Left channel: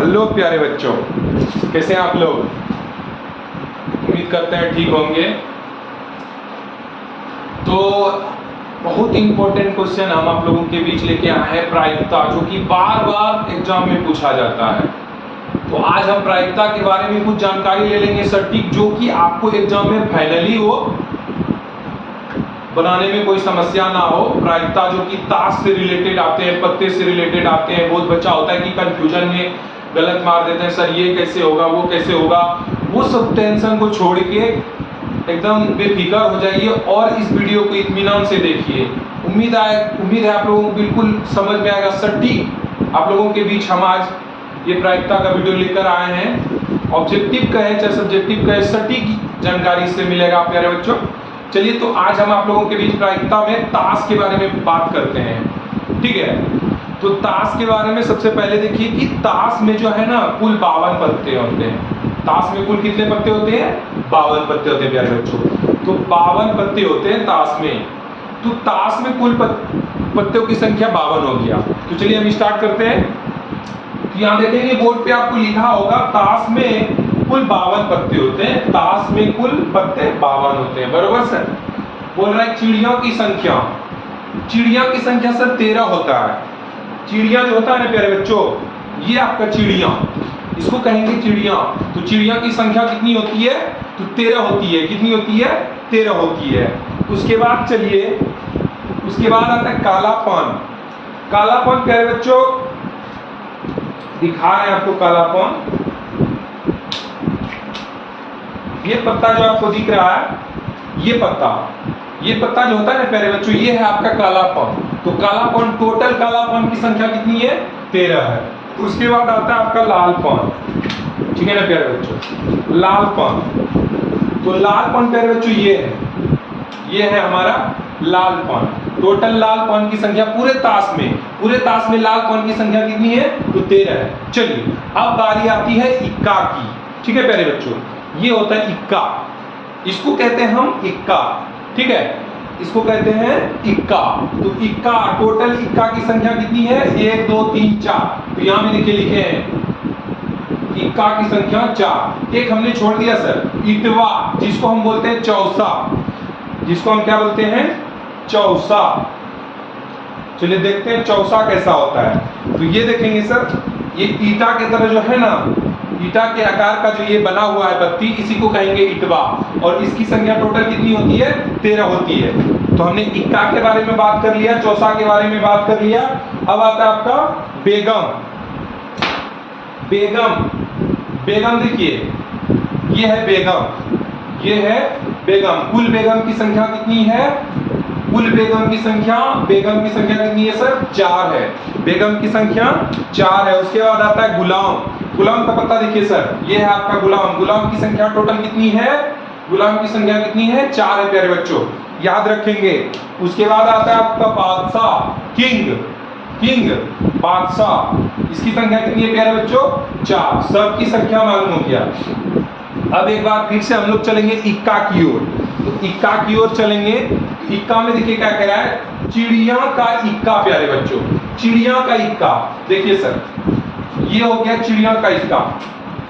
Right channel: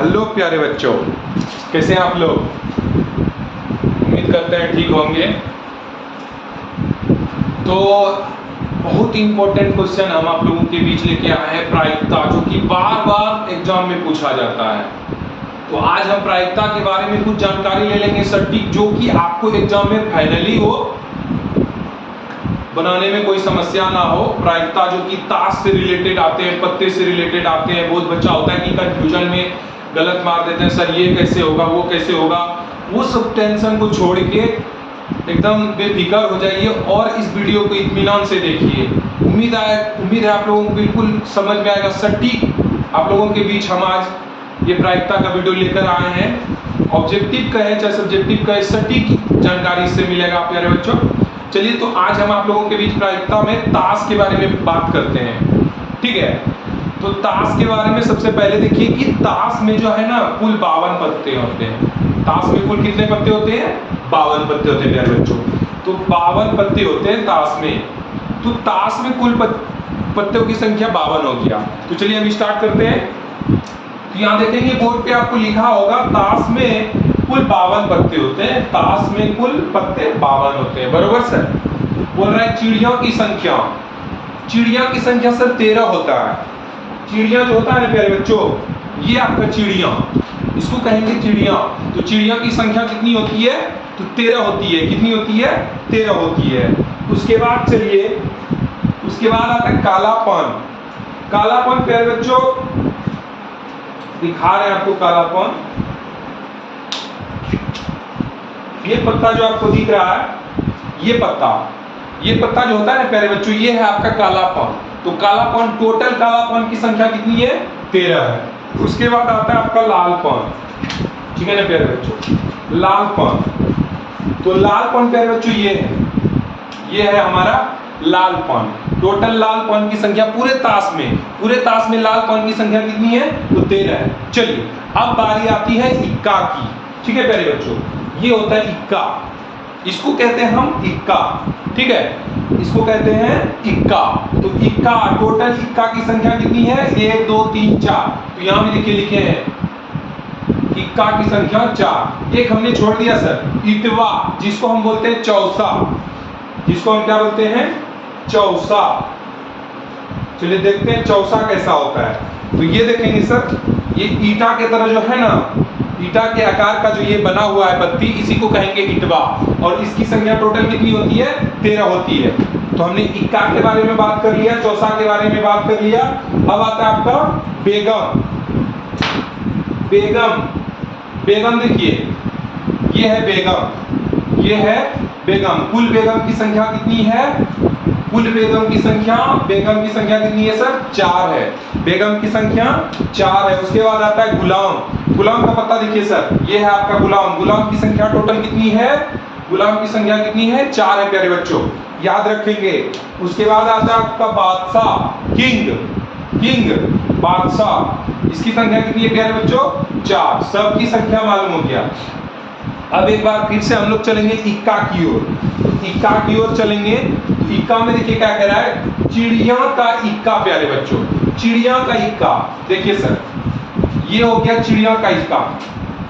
Hello प्यारे बच्चों, कैसे हैं आप लोग। उम्मीद करते हैं ठीक होंगे। तो बहुत इंपॉर्टेंट क्वेश्चन हम आप लोगों के बीच लेके आए हैं, प्रायिकता, जो कि बार बार एग्जाम में पूछा जाता है। तो आज हम प्रायिकता के बारे में कुछ जानकारी ले लेंगे सटीक, जो कि आपको एग्जाम में फाइनली हो, बनाने में कोई समस्या ना हो। प्रायिकता जो कि ताश से रिलेटेड आते हैं, पत्ते से रिलेटेड आते हैं। बहुत बच्चा होता है कि कंफ्यूजन में गलत मार देते हैं, सर ये कैसे होगा, वो कैसे होगा। वो सब टेंशन को छोड़ के एकदम बेफिक्र हो जाइए और इस वीडियो को इत्मीनान से देखिए। उम्मीद है आप लोगों को बिल्कुल समझ में आएगा। सटीक आप लोगों के बीच हम आज ये प्रायिकता का वीडियो लेकर आए हैं। ऑब्जेक्टिव का है चाहे सब्जेक्टिव का है, सटीक जानकारी इससे मिलेगा प्यारे बच्चों। चलिए, तो आज हम आप लोगों के बीच प्रायिकता में ताश के बारे में बात करते हैं, ठीक है। तो ताश के बारे में सबसे पहले देखिए कि ताश में जो है ना, कुल 52 पत्ते होते हैं। ताश में कुल कितने पत्ते होते हैं? 52 पत्ते होते हैं प्यारे बच्चों। तो 52 पत्ते होते हैं ताश में। तो ताश में कुल पत्तों की संख्या 52 हो गया। तो चलिए हम स्टार्ट करते हैं। तो यहाँ देखेंगे बोर्ड पे आपको लिखा होगा ताश में कुल 52 पत्ते होते हैं। ताश में कुल पत्ते 52 होते हैं, बरोबर सर। बोल रहा है चिड़ियों की संख्या, चिड़िया की संख्या सर 13 होता है। चिड़िया जो होता है ना प्यारे बच्चों, ये आपका चिड़िया, इसको कहेंगे चिड़िया। तो चिड़िया की संख्या कितनी होती है? तो 13 होती है। कितनी होती है? 13 होती है। उसके बाद चलिए, उसके बाद आता है कालापन। कालापन प्यारे बच्चों दिखा रहे हैं आपको कालापन। ये पत्ता जो आपको दिख रहा है, ये पत्ता जो होता है ना प्यारे बच्चों, ये है आपका कालापन। तो कालापन, टोटल कालापन की संख्या कितनी है? 13 है। उसके बाद आता है आपका लालपन, ठीक है ना प्यारे बच्चों। लालपन, तो लालपन प्यारे बच्चों ये है हमारा लालपन। टोटल लालपन की संख्या पूरे ताश में लालपन की संख्या कितनी है? तो 13 है। चलिए, अब बारी आती है इक्का की, ठीक है प्यारे बच्चों। ये होता है इक्का, इसको कहते हैं हम इक्का, ठीक है, इसको कहते हैं इक्का। तो इक्का, टोटल इक्का की संख्या कितनी है? 1 2 3 4। तो यहां में लिखे हैं इक्का की संख्या 4। एक हमने छोड़ दिया सर, इटवा, जिसको हम बोलते हैं चौसा, जिसको हम क्या बोलते हैं? चौसा। चलिए देखते हैं चौसा कैसा होता है। तो ये देखेंगे सर, ये ईटा के तरह जो है ना, ईटा के आकार का जो ये बना हुआ है पत्ती, इसी को कहेंगे इटवा। और इसकी संख्या टोटल कितनी होती है? 13 होती है। तो हमने इक्का के बारे में बात कर लिया, चौसा के बारे में बात कर लिया। अब आता है आपका बेगम। बेगम देखिए, ये है बेगम, ये है बेगम। कुल बेगम की संख्या कितनी है? कुल बेगम की संख्या कितनी है सर? 4 है। बेगम की संख्या 4 है। उसके बाद आता है गुलाम। गुलाम का पत्ता देखिए सर, ये है आपका गुलाम। गुलाम की संख्या टोटल कितनी है? गुलाम की संख्या कितनी है? 4 है प्यारे बच्चों, याद रखेंगे। उसके बाद आता है आपका बादशाह, किंग बादशाह। इसकी संख्या कितनी है प्यारे बच्चों? 4। सबकी संख्या मालूम हो गया। अब एक बार फिर से हम लोग चलेंगे इक्का की ओर। तो इक्का की ओर चलेंगे। तो इक्का में देखिए क्या कह रहा है? चिड़िया का इक्का प्यारे बच्चों, चिड़िया का इक्का। देखिए सर, ये हो गया चिड़िया का इक्का,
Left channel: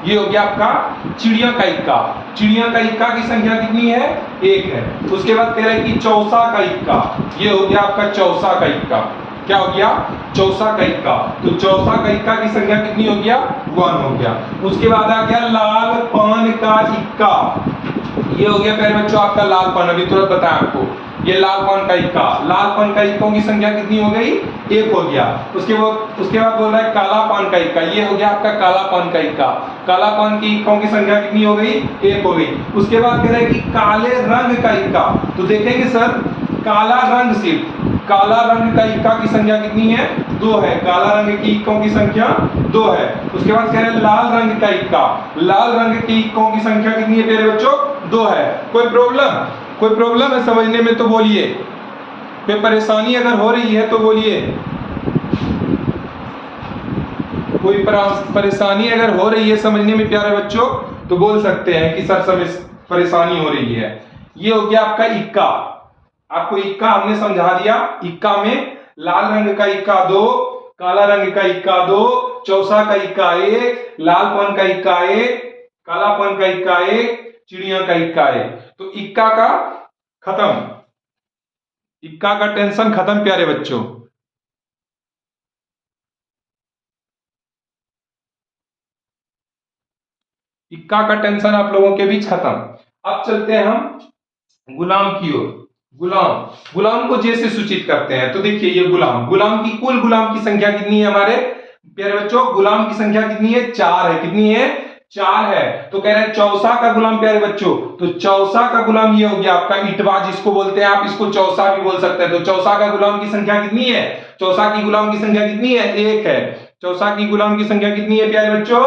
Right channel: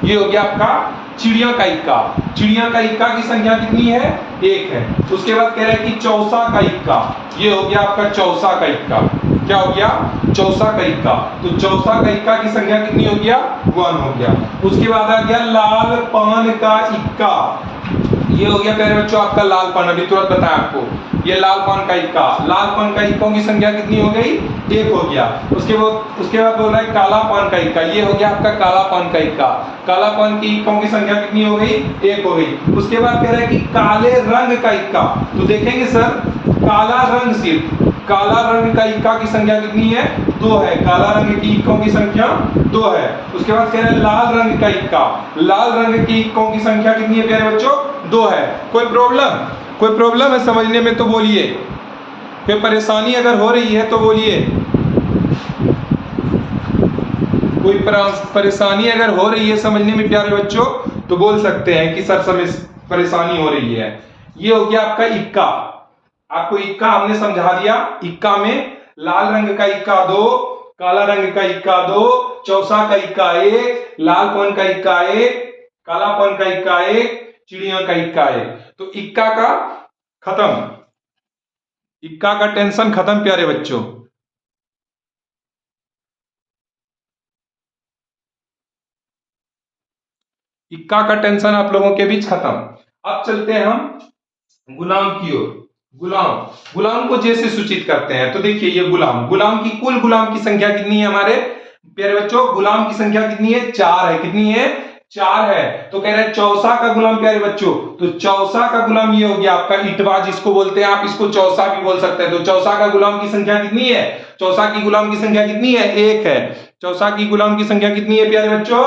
ये हो गया आपका चिड़िया का इक्का। चिड़िया का इक्का की संख्या कितनी है? 1 है। उसके बाद कह रहे हैं कि चौसा का इक्का, ये हो गया आपका चौसा का इक्का। क्या हो गया? चौसा का इक्का। तो चौसा का इक्का की संख्या कितनी हो गया? 1 हो गया। उसके बाद आ गया लाल पान का इक्का, ये हो गया प्यारे बच्चों आपका लाल पान। अभी तुरंत बताया आपको, ये लाल पान का इक्का। लाल पान का इक्कों की संख्या कितनी हो गई? 1 हो गया। उसके बाद बोल रहा है काला पान का इक्का, ये हो गया आपका काला पान का इक्का। काला पान की इक्कों की संख्या कितनी हो गई? 1 हो गई। उसके बाद कह रहा है कि काले रंग का इक्का। तो देखेंगे सर, काला रंग, सिर्फ काला रंग का इक्का की संख्या कितनी है? 2 है। काला रंग की इक्कों की संख्या 2 है। उसके बाद कह रहे हैं लाल रंग का इक्का। लाल रंग की इक्कों की संख्या कितनी है प्यारे बच्चों? 2 है। कोई प्रॉब्लम है समझने में तो बोलिए। कोई परेशानी अगर हो रही है तो बोलिए। कोई परेशानी अगर हो रही है समझने में प्यारे बच्चों तो बोल सकते हैं कि सर समय परेशानी हो रही है। ये हो गया आपका इक्का। आपको इक्का हमने समझा दिया। इक्का में लाल रंग का इक्का 2, काला रंग का इक्का 2, चौसा का इक्का 1, लालपन का इक्का 1, कालापन का इक्का 1, चिड़िया का इक्का 1। तो इक्का का खत्म, इक्का का टेंशन खत्म प्यारे बच्चों। इक्का का टेंशन आप लोगों के बीच खत्म। अब चलते हैं हम गुलाम की ओर। गुलाम, गुलाम को जैसे सूचित करते हैं, तो देखिए ये गुलाम, गुलाम की कुल गुलाम की संख्या कितनी है हमारे प्यारे बच्चों? गुलाम की संख्या कितनी है? 4 है। कितनी है? 4 है। तो कह रहे हैं चौसा का गुलाम प्यारे बच्चों, तो चौसा का गुलाम ये हो गया आपका इटवा, जिसको बोलते हैं आप, इसको चौसा भी बोल सकते हैं। तो चौसा का गुलाम की संख्या कितनी है? चौसा की गुलाम की संख्या कितनी है? 1 है। चौसा की गुलाम की संख्या कितनी है प्यारे बच्चों?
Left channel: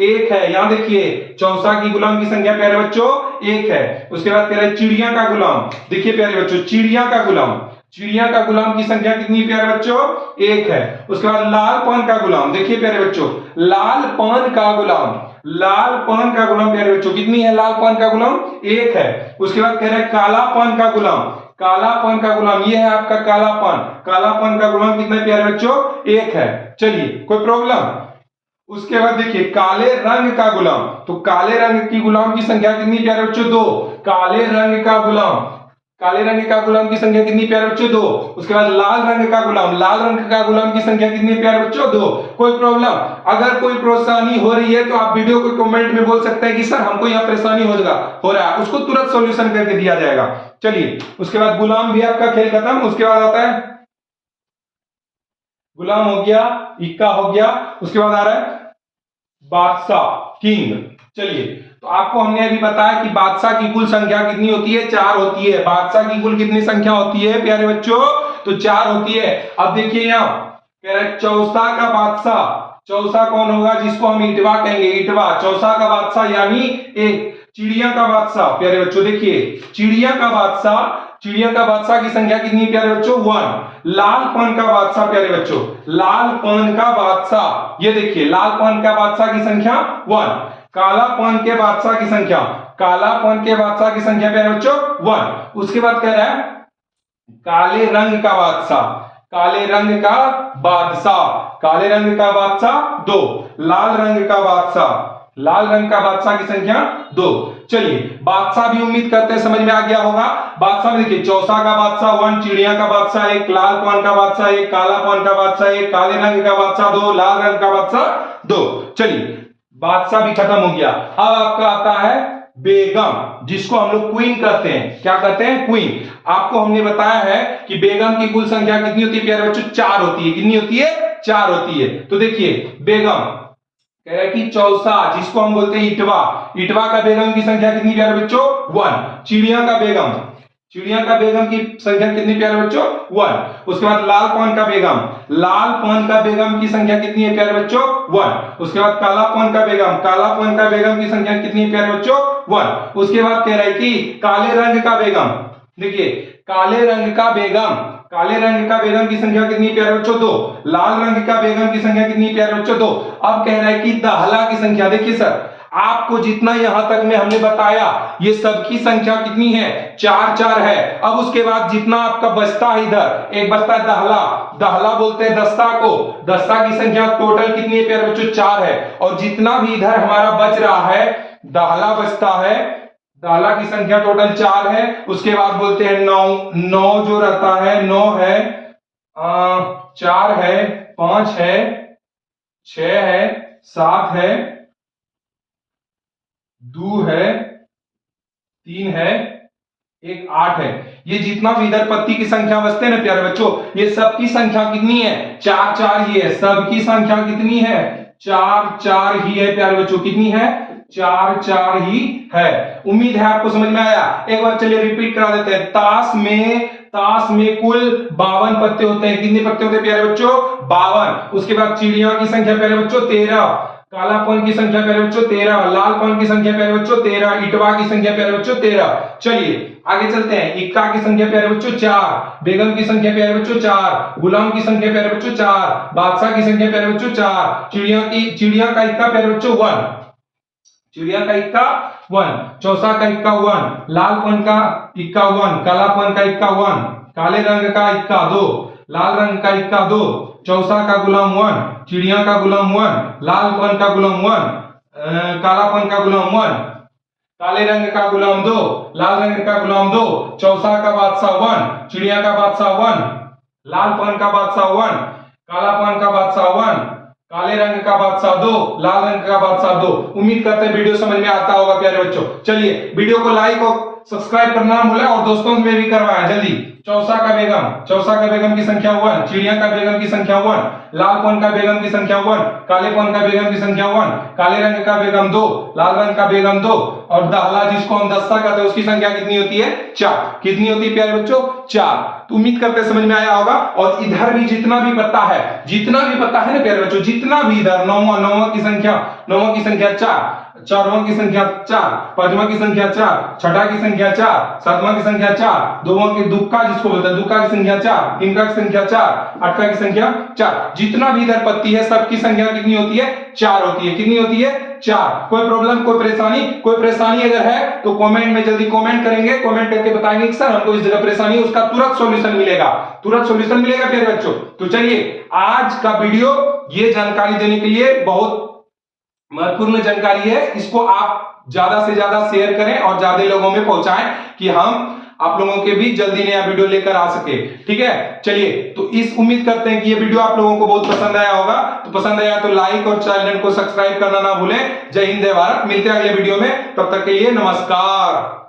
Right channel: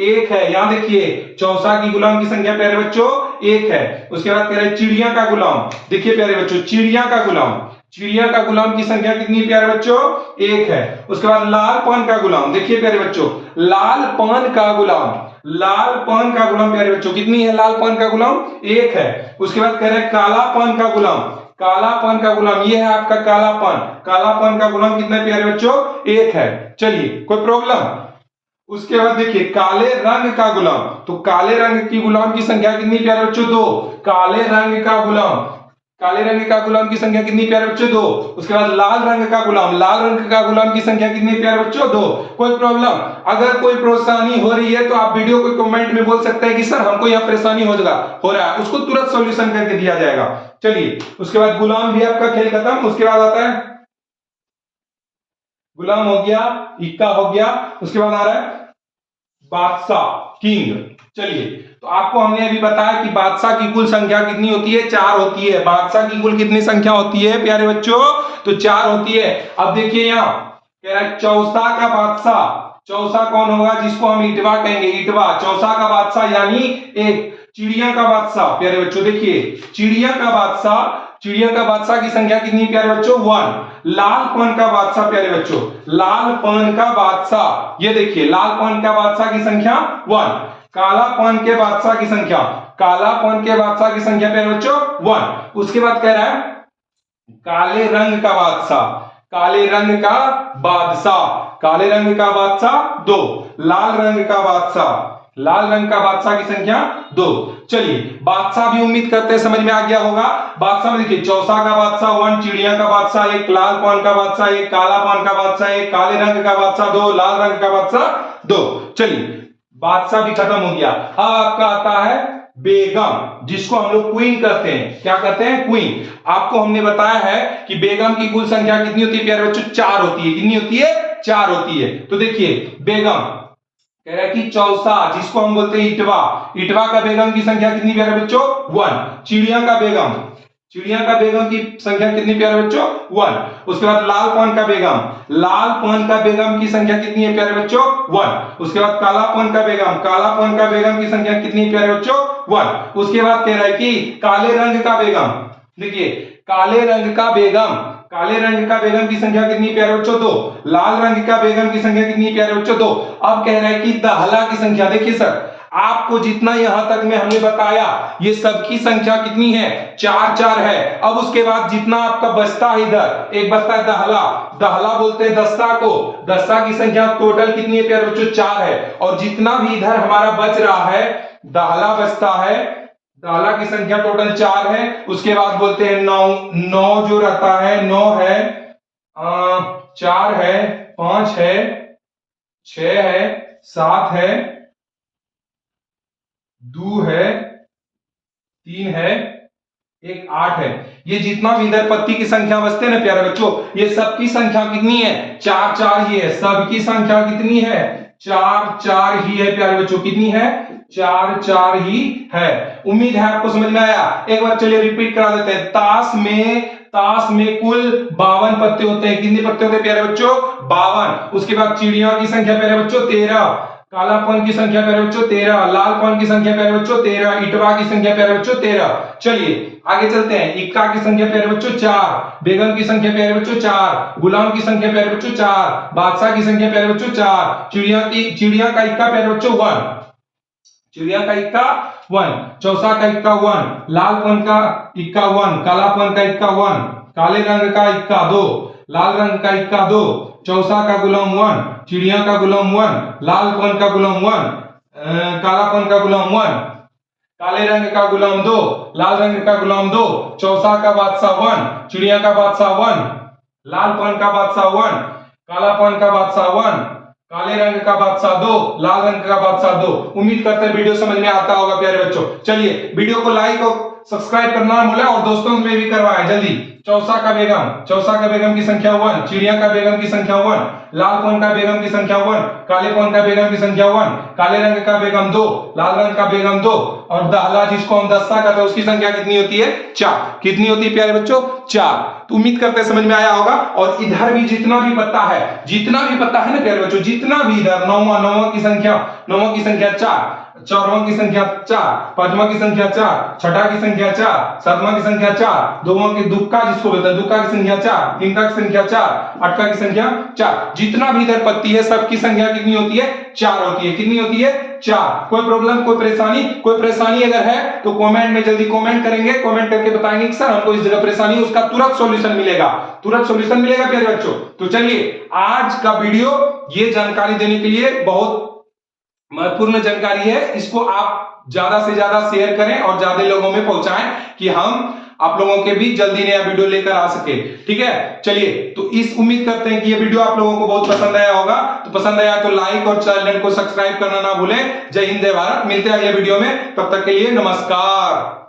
1 है। यहां देखिए चौसा की गुलाम की संख्या प्यारे बच्चों 1 है। उसके बाद कह रहे हैं चिड़िया का गुलाम, देखिए प्यारे बच्चों चिड़िया का गुलाम, चिड़िया का गुलाम की संख्या कितनी है प्यारे बच्चों? 1 है। उसके बाद लाल पान का गुलाम, देखिए प्यारे बच्चों लाल पान का गुलाम, लाल पान का गुलाम प्यारे बच्चों कितनी है? लाल पान का गुलाम 1 है। उसके बाद कह रहे हैं काला पान का गुलाम, काला पान का गुलाम ये है आपका काला पान, काला पान का गुलाम कितना प्यारे बच्चों? 1 है। चलिए कोई प्रॉब्लम? उसके बाद देखिए काले रंग का गुलाम, तो काले रंग की गुलाम की संख्या कितनी प्यारे बच्चों? 2। काले रंग का गुलाम, काले रंग का गुलाम की संख्या कितनी प्यारे बच्चों? 2। उसके बाद लाल रंग का गुलाम, लाल रंग का गुलाम की संख्या कितनी प्यारे बच्चों? 2। कोई प्रॉब्लम? अगर कोई परेशानी हो रही है तो आप वीडियो को कमेंट में बोल सकते हैं कि सर हमको यहाँ परेशानी हो रहा है, उसको तुरंत सॉल्यूशन करके दिया जाएगा। चलिए उसके बाद गुलाम भी आपका खेल खत्म। उसके बाद आता है गुलाम हो गया, इक्का हो गया, उसके बाद आ रहा है बादशाह, किंग। चलिए तो आपको हमने अभी बताया कि बादशाह की कुल संख्या कितनी होती है? 4 होती है। बादशाह की कुल कितनी संख्या होती है प्यारे बच्चों? तो 4 होती है। अब देखिए यहां कह रहा है चौसा का बादशाह, चौसा कौन होगा? जिसको हम इटवा कहेंगे, इटवा। चौसा का बादशाह यानी 1। चिड़िया का बादशाह प्यारे बच्चों, देखिए चिड़िया का बादशाह, चिड़िया का बादशाह की संख्या कितनी प्यारे बच्चों? 1। लाल पान का बादशाह प्यारे बच्चों, लाल पान का बादशाह, ये देखिए लाल पान का बादशाह की संख्या 1। काला पान के बादशाह की संख्या, काला पान के बादशाह की संख्या प्यारे बच्चों 1। उसके बाद कह रहा है काले रंग का बादशाह, काले रंग का बादशाह, काले रंग का बादशाह 2। लाल रंग का बादशाह, लाल रंग का बादशाह की संख्या 2। चलिए बादशाह भी उम्मीद करते हैं समझ में आ गया होगा। बादशाह में देखिए चौसा का बादशाह 1, चिड़िया का बादशाह 1, लाल पान का बादशाह 1, काला पान का बादशाह 1, काले रंग का बादशाह 2, लाल रंग का बादशाह 2। चलिए बादशाह भी खत्म हो गया। अब आपका आता है बेगम, जिसको हम लोग क्वीन कहते हैं। क्या कहते हैं? क्वीन। आपको हमने बताया है कि बेगम की कुल संख्या कितनी होती है प्यारे बच्चों? 4 होती है। कितनी होती है? 4 होती है। तो देखिए बेगम कह रहा है कि चौसा, जिसको हम बोलते हैं इटवा, इटवा का बेगम की संख्या कितनी प्यारे बच्चों? 1। चिड़िया का बेगम, चिड़िया का बेगम की संख्या कितनी प्यारे बच्चों? 1। उसके बाद लाल पान का बेगम, लाल पान का बेगम की संख्या कितनी है प्यारे बच्चों? 1। उसके बाद काला पान का बेगम, काला पान का बेगम की संख्या कितनी है प्यारे बच्चों? 1। उसके बाद कह रहा है कि काले रंग का बेगम, देखिए काले रंग का बेगम, काले रंग का बेगम की संख्या कितनी प्यारे बच्चों? 2। लाल रंग का बेगम की संख्या कितनी प्यारे बच्चों? 2। अब कह रहा है कि दहला की संख्या, देखिए सर आपको जितना यहां तक में हमने बताया ये सबकी संख्या कितनी है? 4 है। अब उसके बाद जितना आपका बचता है, इधर एक बचता है दहला, दहला बोलते हैं दस्ता को, दस्ता की संख्या टोटल कितनी है प्यारे बच्चों? 4 है। और जितना भी इधर हमारा बच रहा है दहला बचता है, दहला की संख्या टोटल 4 है। उसके बाद बोलते हैं 9 जो रहता है 9 है, 4 है, 5 है, 6 है, 7 है, 2 है, 3 है, 1 8 है। ये जितना भी इधर पत्ती की संख्या बचते हैं ना प्यारे बच्चों, ये सबकी संख्या कितनी है? 4 ही है। सबकी संख्या कितनी है? 4 ही है प्यारे बच्चों। कितनी है? 4 ही है। उम्मीद है आपको समझ में आया। एक बार चलिए रिपीट करा देते हैं। ताश में कुल 52 पत्ते होते हैं। कितने पत्ते होते हैं प्यारे बच्चों? 52। उसके बाद चिड़िया की संख्या प्यारे बच्चों 13, कालापन की संख्या प्यारे बच्चों 13, लालपन की संख्या प्यारे बच्चों 13, इटवा की संख्या प्यारे बच्चों 13। चलिए आगे चलते हैं। इक्का की संख्या प्यारे बच्चों 4, बेगम की संख्या प्यारे बच्चों 4, गुलाम की संख्या प्यारे बच्चों 4, बादशाह की संख्या प्यारे बच्चों 4, चिड़िया का इक्का प्यारे बच्चों 1, चिड़िया का इक्का 1, चौसा का इक्का 1, लालपन का इक्का 1, कालापन का इक्का 1, काले रंग का इक्का 2, लाल रंग का इक्का 2, चौसा का गुलाम 1, चिड़िया का गुलाम 1, लालपन का गुलाम 1, कालापन का गुलाम 1, काले रंग का गुलाम 2, लाल रंग का गुलाम 2, चौसा का बादशाह 1, चिड़िया का बादशाह 1, लालपन का बादशाह 1, कालापन का बादशाह 1, काले रंग का बादशाह 2, लाल रंग का बादशाह 2। उम्मीद करते हैं वीडियो समझ में आता होगा प्यारे बच्चों। चलिए वीडियो को लाइक और सब्सक्राइब करना ना भूलें और दोस्तों में भी करवाएं जल्दी। चौसा का बेगम की संख्या 1, चिड़िया का बेगम की संख्या 1, लालपन का बेगम की संख्या 1, कालेपन का बेगम की संख्या 1, काले रंग का बेगम 2, लाल रंग का बेगम 2 और दहला जिसको हम दस्ता कहते हैं उसकी संख्या कितनी होती है? 4। कितनी होती है प्यारे बच्चों? 4। तो उम्मीद करते हैं समझ में आया होगा। और इधर भी जितना भी पत्ता है ना प्यारे बच्चों, जितना भी इधर नौवां की संख्या 4, चारवां की संख्या 4, पांचवां की संख्या 4, छठा की संख्या 4, सातवां की संख्या 4, दोवां की दुक्का जिसको बोलते हैं दुक्का की संख्या 4, तिनका की संख्या 4, अटका की संख्या 4। जितना भी इधर पत्ती है सबकी संख्या कितनी होती है? 4 होती है। कितनी होती है? 4। कोई प्रॉब्लम, कोई परेशानी अगर है तो कमेंट में जल्दी कमेंट करेंगे, कमेंट करके बताएंगे कि सर हमको इस जगह परेशानी है, उसका तुरंत सॉल्यूशन मिलेगा प्यारे बच्चों। तो चलिए आज का वीडियो ये जानकारी देने के लिए बहुत महत्वपूर्ण जानकारी है, इसको आप ज्यादा से ज्यादा शेयर करें और ज्यादा लोगों में पहुंचाएं कि हम आप लोगों के भी जल्दी नया वीडियो लेकर आ सके। ठीक है, चलिए तो इस उम्मीद करते हैं कि ये वीडियो आप लोगों को बहुत पसंद आया होगा। तो पसंद आया तो लाइक और चैनल को सब्सक्राइब करना ना भूलें। जय हिंद, जय भारत। मिलते हैं अगले वीडियो में, तब तक के लिए नमस्कार।